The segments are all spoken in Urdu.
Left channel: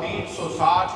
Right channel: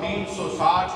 360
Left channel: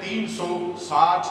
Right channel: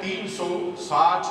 360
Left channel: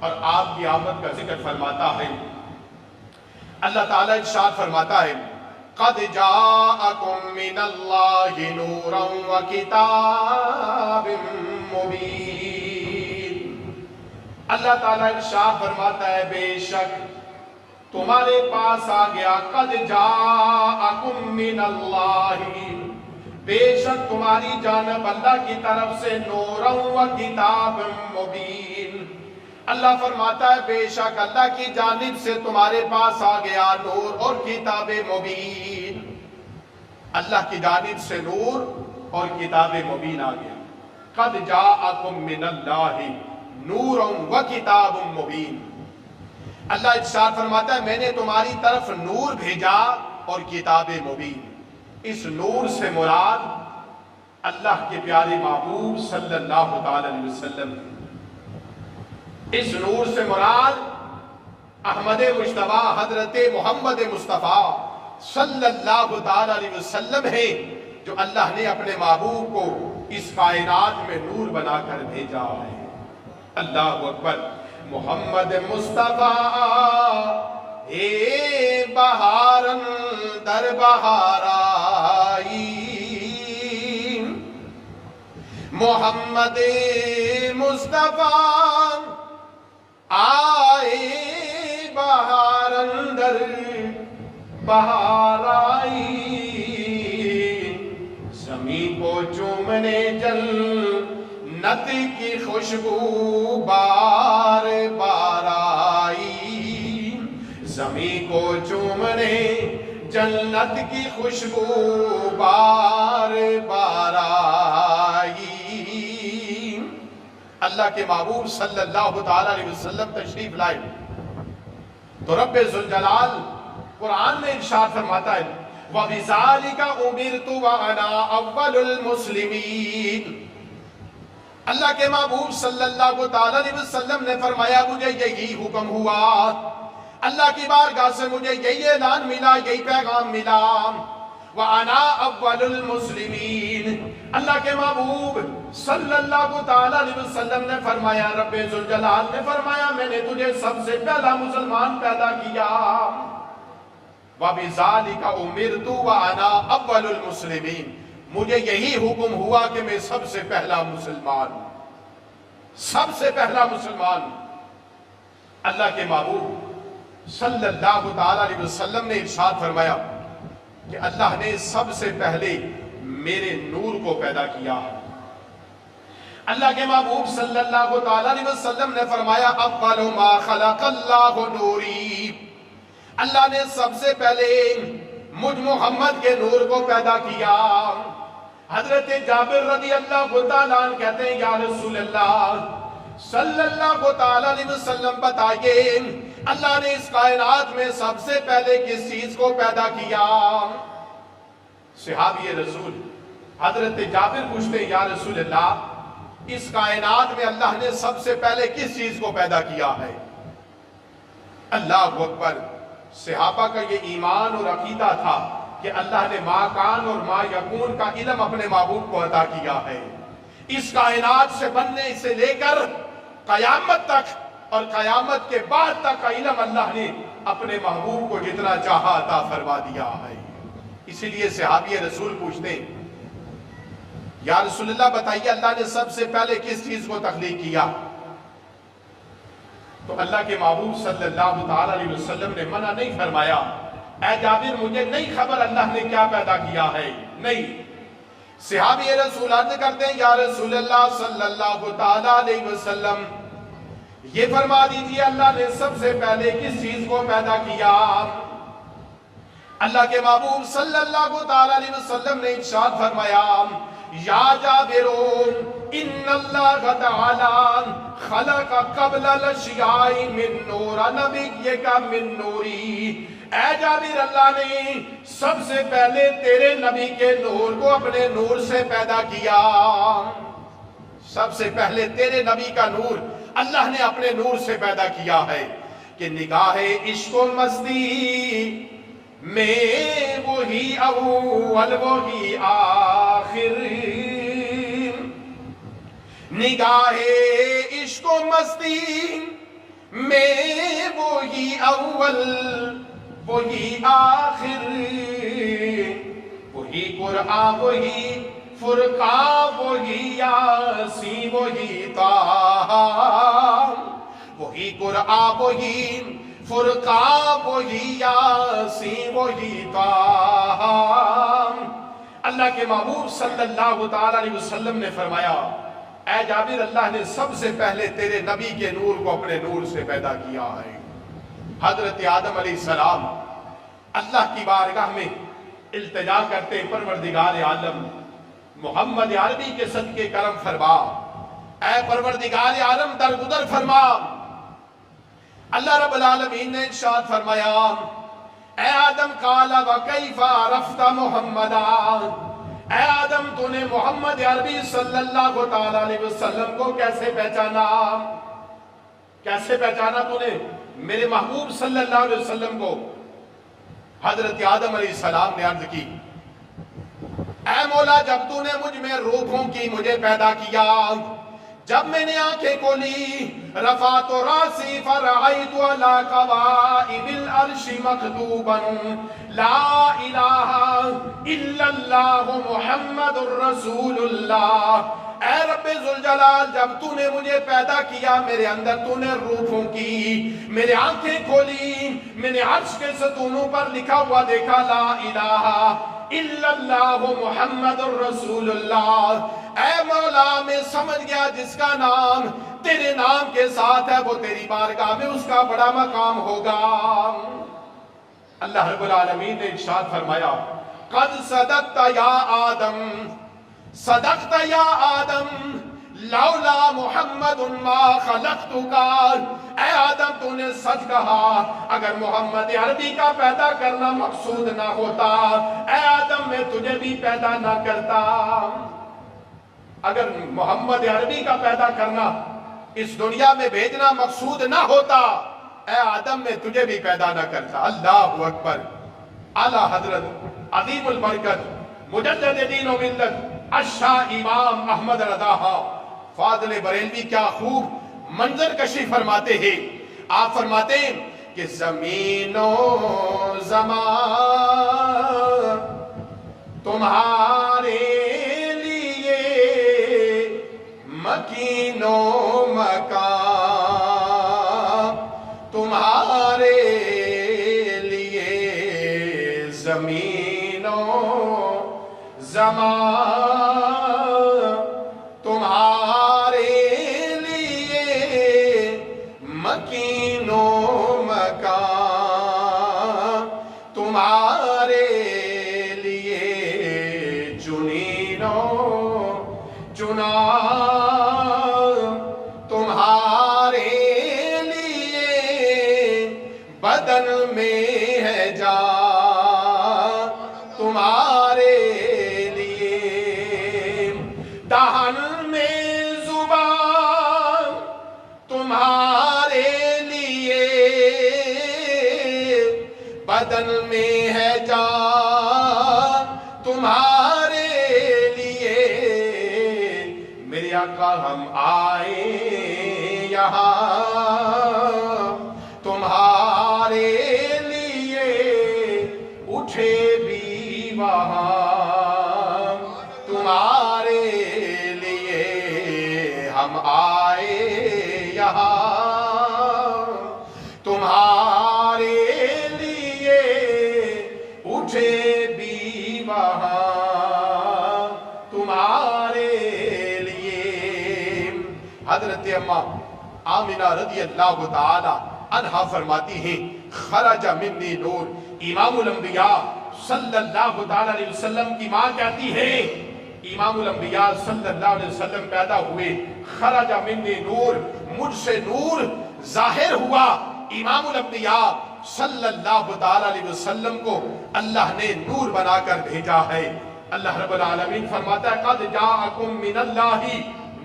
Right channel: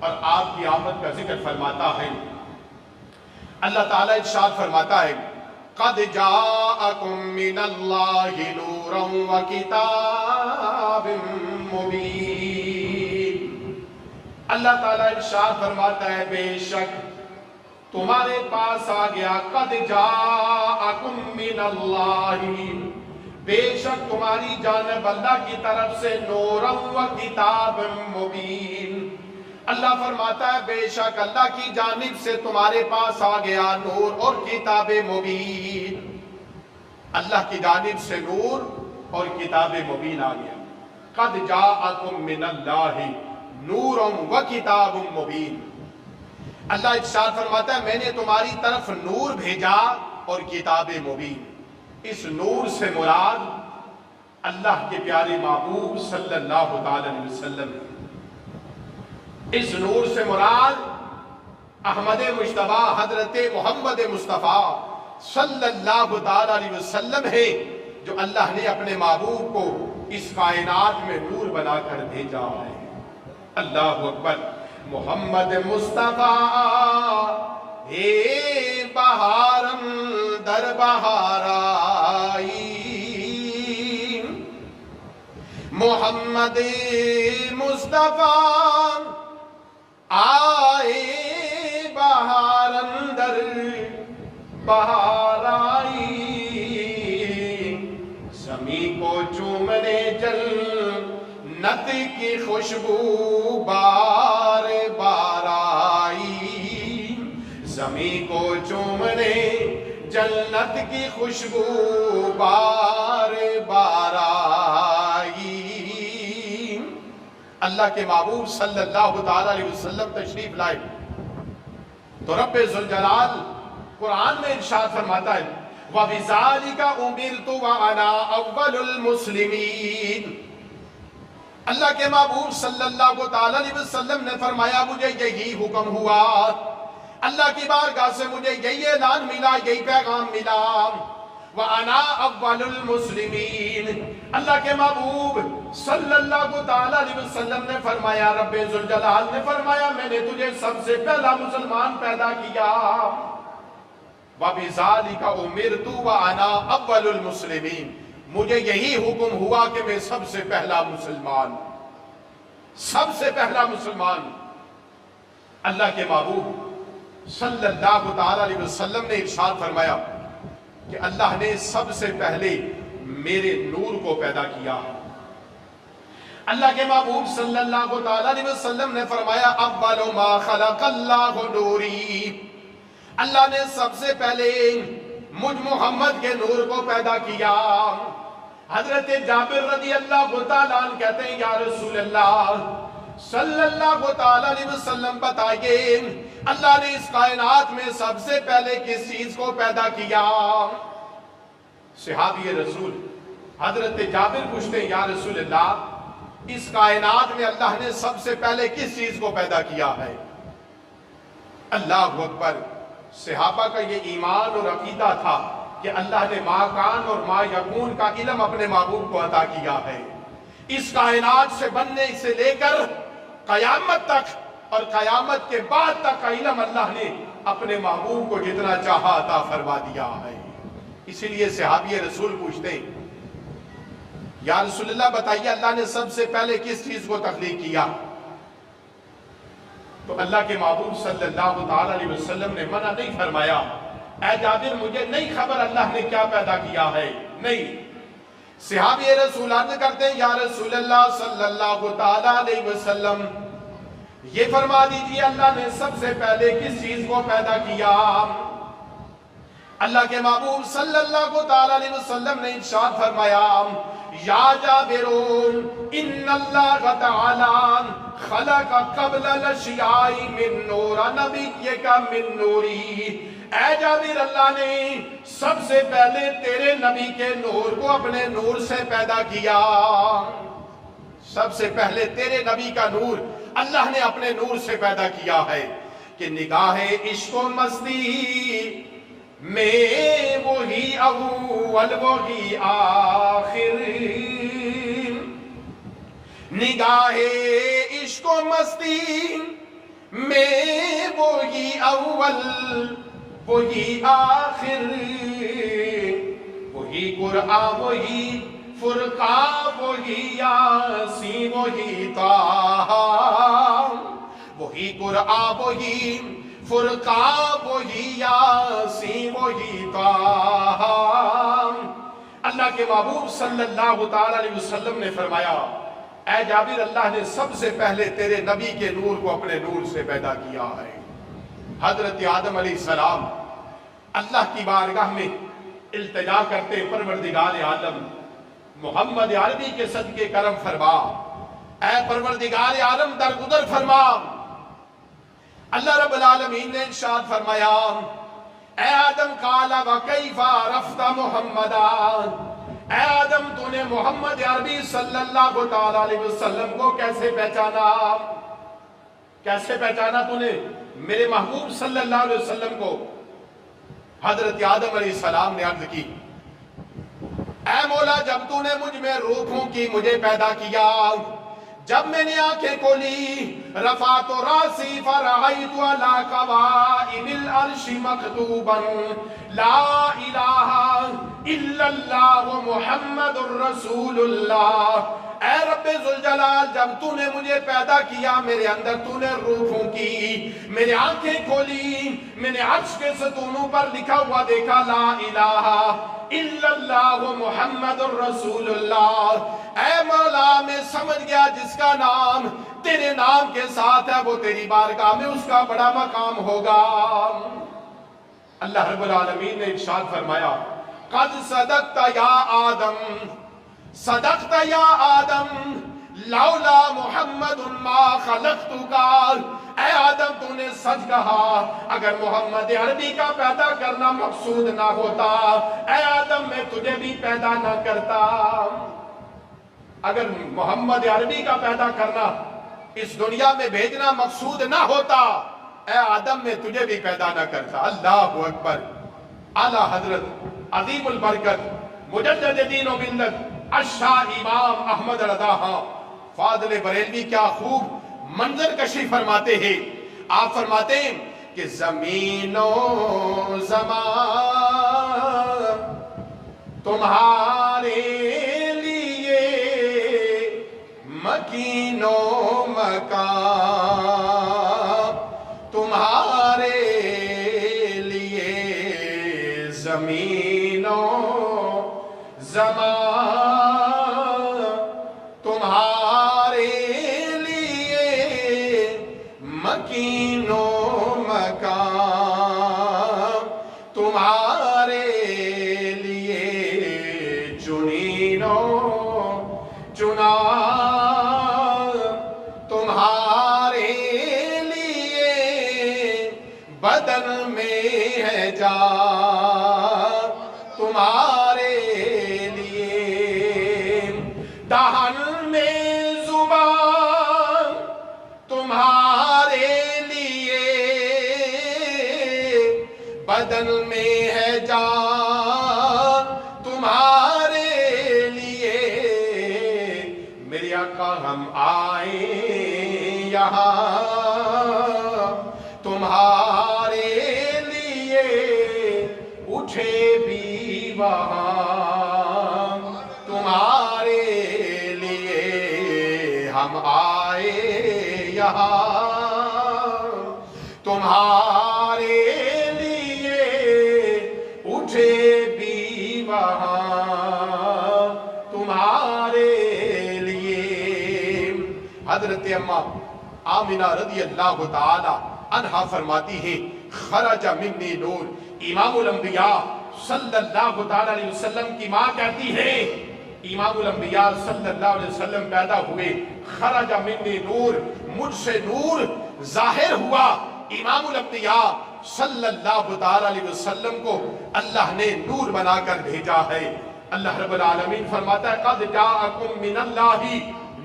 اور آپ کی آمد کا ذکر فرماتا ہے۔ اللہ تعالیٰ ارشاد فرماتا ہے قَدْ جَاءَكُم مِّنَ اللَّهِ نُورٌ وَكِتَابٌ مُّبِينٌ۔ اللہ تعالیٰ ارشاد فرماتا ہے بے شک تمہارے پاس آ گیا، قَدْ جَاءَكُم مِّنَ اللَّهِ، بے شک تمہاری جانب اللہ کی طرف سے نُورٌ وَكِتَابٌ مُّبِينٌ۔ اللہ فرماتا ہے بے شک اللہ کی جانب سے تمہارے پاس آ گیا نور اور کتاب مبین۔ اللہ کی جانب سے نور اور کتاب مبین آ گیا۔ قد جاءکم من اللہ نور و کتاب مبین۔ اللہ ارشاد فرماتا ہے میں نے تمہاری طرف نور بھیجا اور کتاب مبین۔ اس نور سے مراد اللہ کے پیارے محبوب صلی اللہ تعالی علیہ وسلم، اس نور سے مراد احمد مجتبیٰ حضرت محمد مصطفیٰ صلی اللہ تعالی علیہ وسلم ہے، جو اللہ نے اپنے محبوب کو اس کائنات میں نور بنا کر بھیجا ہے۔ اللہ اکبر۔ محمد مصطفیٰ اے بہارن در بہار آئی، محمد مصطفیٰ آئے بہار اندر بہار آئی، زمین کو چومنے جنت کی خوشبو بار بار آئی، زمین کو چومنے جنت کی خوشبو بار بار آئی۔ اللہ کے محبوب صلی اللہ تعالی علیہ وسلم تشریف لائے تو رب ذوالجلال قرآن میں ارشاد فرماتا ہے وَبِذَالِكَ أُمِرْتُ وَأَنَا أَوَّلُ الْمُسْلِمِينَ۔ اللہ کے محبوب صلی اللہ تعالی علیہ وسلم نے فرمایا مجھے یہی حکم ہوا، اللہ کی بارگاہ سے مجھے یہی اعلان ملا، یہی پیغام ملا، وَأَنَا أَوَّلُ الْمُسْلِمِينَ۔ اللہ کے محبوب صلی اللہ تعالی علیہ وسلم نے فرمایا، رب ذوالجلال نے فرمایا میں نے تجھے سب سے پہلا مسلمان پیدا کیا۔ وَبِذَالِكَ أُمِرْتُ وَأَنَا أَوَّلُ الْمُسْلِمِينَ، مجھے یہی حکم ہوا کہ میں سب سے پہلا مسلمان، سب سے پہلا مسلمان۔ اللہ کے محبوب صلی اللہ تعالی علیہ وسلم نے ارشاد فرمایا کہ اللہ نے سب سے پہلے میرے نور کو پیدا کیا۔ اللہ کے محبوب صلی اللہ تعالی علیہ وسلم نے فرمایا اول ما خلق اللہ نوری، اللہ نے سب سے پہلے مجھ محمد کے نور کو پیدا کیا۔ حضرت جابر رضی اللہ تعالیٰ عنہ کہتے ہیں یا رسول اللہ صلی اللہ تعالی علیہ وسلم بتائیے اللہ نے اس کائنات میں سب سے پہلے کس چیز کو پیدا کیا؟ صحابی رسول حضرت جابر پوچھتے ہیں یا رسول اللہ اس کائنات میں اللہ نے سب سے پہلے کس چیز کو پیدا کیا ہے؟ اللہ اکبر۔ صحابہ کا یہ ایمان اور عقیدہ تھا کہ اللہ نے ما کان اور ما یکون کا علم اپنے محبوب کو عطا کیا ہے۔ اس کائنات سے بننے سے لے کر قیامت تک اور قیامت کے بعد تک کا علم اللہ نے اپنے محبوب کو جتنا چاہا عطا فرما دیا ہے۔ اسی لیے صحابی رسول پوچھتے ہیں یا رسول اللہ بتائیے اللہ نے سب سے پہلے کس چیز کو تخلیق کیا؟ تو اللہ کے محبوب صلی اللہ تعالی علیہ وسلم نے منع نہیں فرمایا، اے جابر مجھے نہیں خبر اللہ نے کیا پیدا کیا ہے، نہیں۔ صحابی رسول عرض کرتے ہیں یا رسول اللہ صلی اللہ تعالی علیہ وسلم یہ فرما دیجئے اللہ نے سب سے پہلے کس چیز کو پیدا کیا؟ اللہ کے محبوب صلی اللہ تعالی علیہ وسلم نے ارشاد فرمایا یا جابرون ان اللہ تعالی خلق قبل الاشیاء من نور نبیک من نوری، اے جابر اللہ نے سب سے پہلے تیرے نبی کے نور کو اپنے نور سے پیدا کیا۔ سب سے پہلے تیرے نبی کا نور اللہ نے اپنے نور سے پیدا کیا ہے کہ نگاہ عشق و مستی میں وہی اول وہی آخر، نگاہ عشق و مستی میں وہی اول وہی آخر، وہی قرآن وہی فرقان وہی یاسین وہی طٰہٰ، وہی قرآن وہی فرقان وہی یاسین وہی طٰہٰ۔ اللہ کے محبوب صلی اللہ تعالیٰ علیہ وسلم نے فرمایا، اے جابر، اللہ نے سب سے پہلے تیرے نبی کے نور کو اپنے نور سے پیدا کیا ہے۔ حضرت آدم علیہ السلام اللہ کی بارگاہ میں التجا کرتے، پروردگار عالم محمد عربی کے صدقے کرم فرما، اے پروردگار عالم درگزر فرما۔ اللہ رب العالمین نے ارشاد فرمایا، اے آدم قال وکیف عرفت محمدا، اے آدم تو نے محمد عربی صلی اللہ تعالیٰ علیہ وسلم کو کیسے پہچانا؟ کیسے پہچانا تو نے میرے محبوب صلی اللہ علیہ وسلم کو؟ حضرت آدم علیہ السلام نے عرض کی، اے مولا، جب تو نے مجھ میں روحوں کی مجھے پیدا کیا، جب میں نے آنکھیں کھولی، رفعت راسی فرأیت علی قوائم العرش مکتوبا لا الہ الا اللہ محمد الرسول اللہ۔ اے رب ذوالجلال، جب تو نے مجھے پیدا کیا، میرے اندر تو نے روحوں کی، میرے آنکھیں کھولی، میں نے عرش کے ستونوں پر لکھا ہوا دیکھا، لا الہ الا اللہ محمد الرسول اللہ۔ اے مولا، میں سمجھ گیا جس کا نام تیرے نام کے ساتھ ہے وہ تیری بارگاہ میں اس کا بڑا مقام ہوگا۔ اللہ رب العالمین نے ارشاد فرمایا، قد صدقت یا آدم، صدقت یا آدم، لولا محمد ما خلقتک۔ اے آدم، تو نے سچ کہا، اگر محمد عربی کا پیدا کرنا مقصود نہ ہوتا، اے آدم میں تجھے بھی پیدا نہ کرتا۔ اگر محمد عربی کا پیدا کرنا، اس دنیا میں بھیجنا مقصود نہ ہوتا، اے آدم میں تجھے بھی پیدا نہ کرتا۔ اللہ اکبر۔ اعلیٰ حضرت عظیم البرکت مجدد دین و ملت الشاہ امام احمد رضا فاضل بریلوی کیا خوب منظر کشی فرماتے ہیں۔ آپ فرماتے ہیں کہ زمین و زمان تمہارے لیے، مکین و مکان تمہارے لیے، زمین و زمان تمہارے لیے، مکین و مکان تمہارے لیے، چنین و چنا تمہارے لیے، بدن میں ہے جان تمہارے لیے، دہن میں زبان تمہارے لیے، بدن میں ہے جان تمہارے لیے۔ میرے آقا ہم آئے یہاں تمہارے لیے، اٹھے بھی وہاں تمہارے لیے، ہم آئے یہاں تمہارے لیے، اٹھے بھی وہاں تمہارے لیے۔ حضرت اماں آمنہ رضی اللہ تعالی عنہا فرماتی ہیں، خرج منی نور۔ امام الانبیاء صلی اللہ تعالی علیہ وسلم کی ماں کہتی ہے، امام الانبیاء صلی اللہ علیہ وسلم پیدا ہوئے، خرج منی نور، مجھ سے نور ظاہر ہوا۔ امام الانبیاء صلی اللہ تعالی علیہ وسلم کو اللہ نے نور بنا کر بھیجا ہے۔ اللہ رب العالمین فرماتا ہے، قد جاءکم من اللہ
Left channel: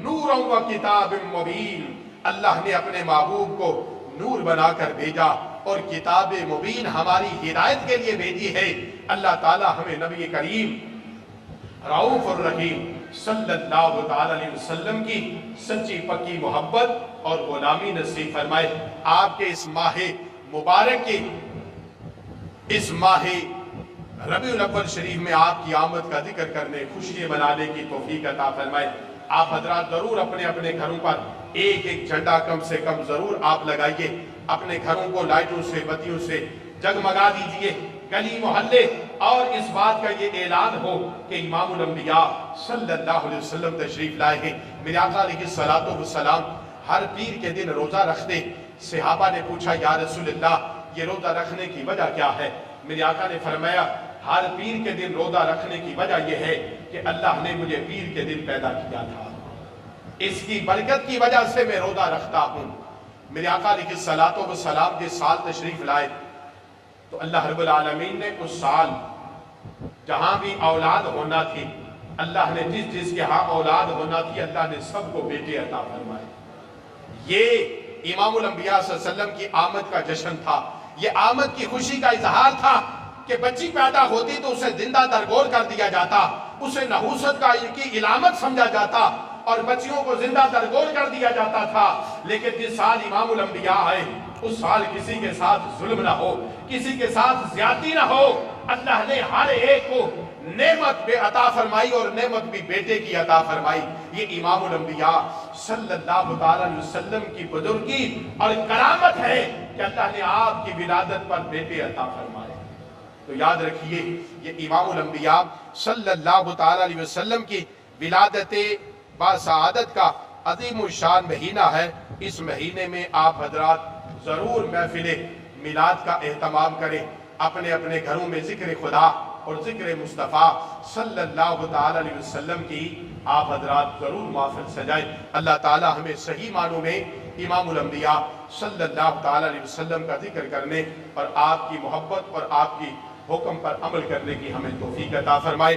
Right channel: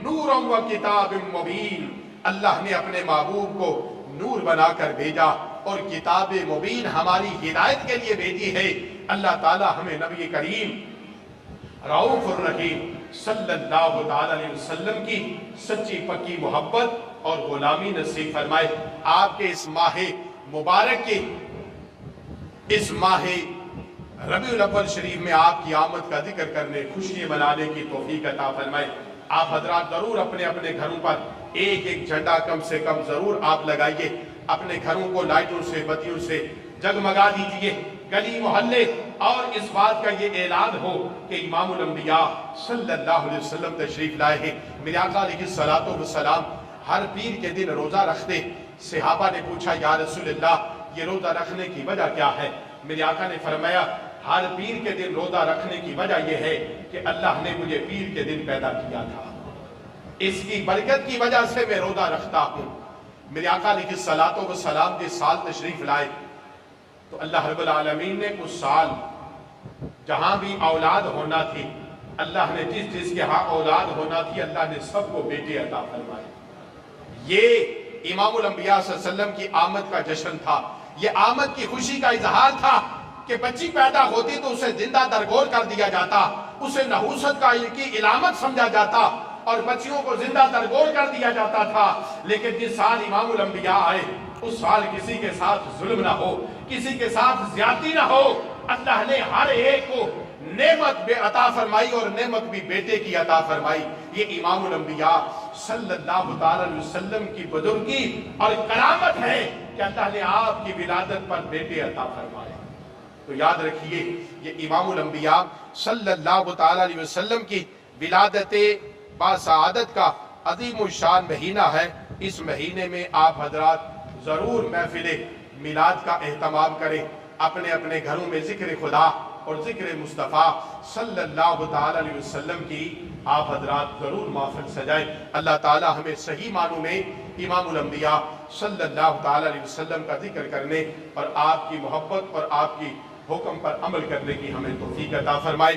نورا و کتاب مبین۔ اللہ نے اپنے محبوب کو نور بنا کر بھیجا اور کتاب مبین ہماری ہدایت کے لیے بھیجی ہے۔ اللہ تعالی ہمیں نبی کریم رؤوف الرحیم صلی اللہ تعالی علیہ وسلم کی سچی پکی محبت اور غلامی نصیب فرمائے۔ آپ کے اس ماہ مبارک کی، اس ماہ ربیع الاول شریف میں آپ کی آمد کا ذکر کرنے، خوشی منانے کی توفیق عطا فرمائے۔ آپ حضرات ضرور اپنے اپنے گھروں پر ایک ایک جھنڈا کم سے کم ضرور آپ لگائیے، اپنے گھروں کو لائٹوں سے، بتیوں سے جگمگا دیجئے، گلی محلے، اور اس بات کا یہ اعلان ہو کہ امام الانبیاء صلی اللہ علیہ وسلم تشریف لائے ہیں۔ میرے آقا علیہ الصلوۃ والسلام ہر پیر کے دن روزہ رکھتے۔ صحابہ نے پوچھا یا رسول اللہ یہ روزہ رکھنے کی وجہ کیا ہے؟ میرے آقا نے فرمایا ہر پیر کے دن روزہ رکھنے کی وجہ یہ ہے کہ اللہ نے مجھے پیر کے دن پیدا کیا تھا، اس کی برکت کی وجہ سے میں روزہ رکھتا ہوں۔ میرے آقا علیہ الصلوۃ والسلام جس سال تشریف لائے تو اللہ رب العالمین نے اس سال جہاں بھی اولاد ہونا تھی، اللہ نے جس جس کے ہاں اولاد ہونا تھی، اللہ نے سب کو بیٹے عطا فرمائے۔ یہ امام الانبیاء صلی اللہ علیہ وسلم کی آمد کا جشن تھا، یہ آمد کی خوشی کا اظہار تھا کہ بچی پیدا ہوتی تو اسے زندہ درگور کر دیا جاتا، اسے نحوست کا کی علامت سمجھا جاتا اور بچیوں کو زندہ درگور کر دیا جاتا تھا۔ لیکن جس سال امام الانبیاء آئے اس سال کسی کے ساتھ ظلم نہ ہو، کسی کے ساتھ زیادتی نہ ہو، اللہ نے ہر ایک کو نعمت بے عطا فرمائی اور نعمت بھی بیٹے کی عطا فرمائی۔ یہ امام الانبیاء صلی اللہ تعالی علیہ وسلم کی بزرگی اور کرامت ہے کہ اللہ نے آپ کی ولادت پر بیٹے عطا فرمائے۔ تو یاد رکھیے یہ امام الانبیاء صلی اللہ تعالی علیہ وسلم کی ولادت باسعادت کا عظیم الشان مہینہ ہے۔ اس مہینے میں آپ حضرات ضرور محفل میلاد کا اہتمام کریں، اپنے اپنے گھروں میں ذکر خدا اور ذکر مصطفیٰ صلی اللہ تعالی علیہ وسلم کی آپ حضرات ضرور محفل سجائیں۔ اللہ تعالی ہمیں صحیح معنوں میں امام الانبیاء صلی اللہ تعالی علیہ وسلم کا ذکر کرنے اور آپ کی محبت اور آپ کی حکم پر عمل کرنے کی ہمیں توفیق عطا فرمائے۔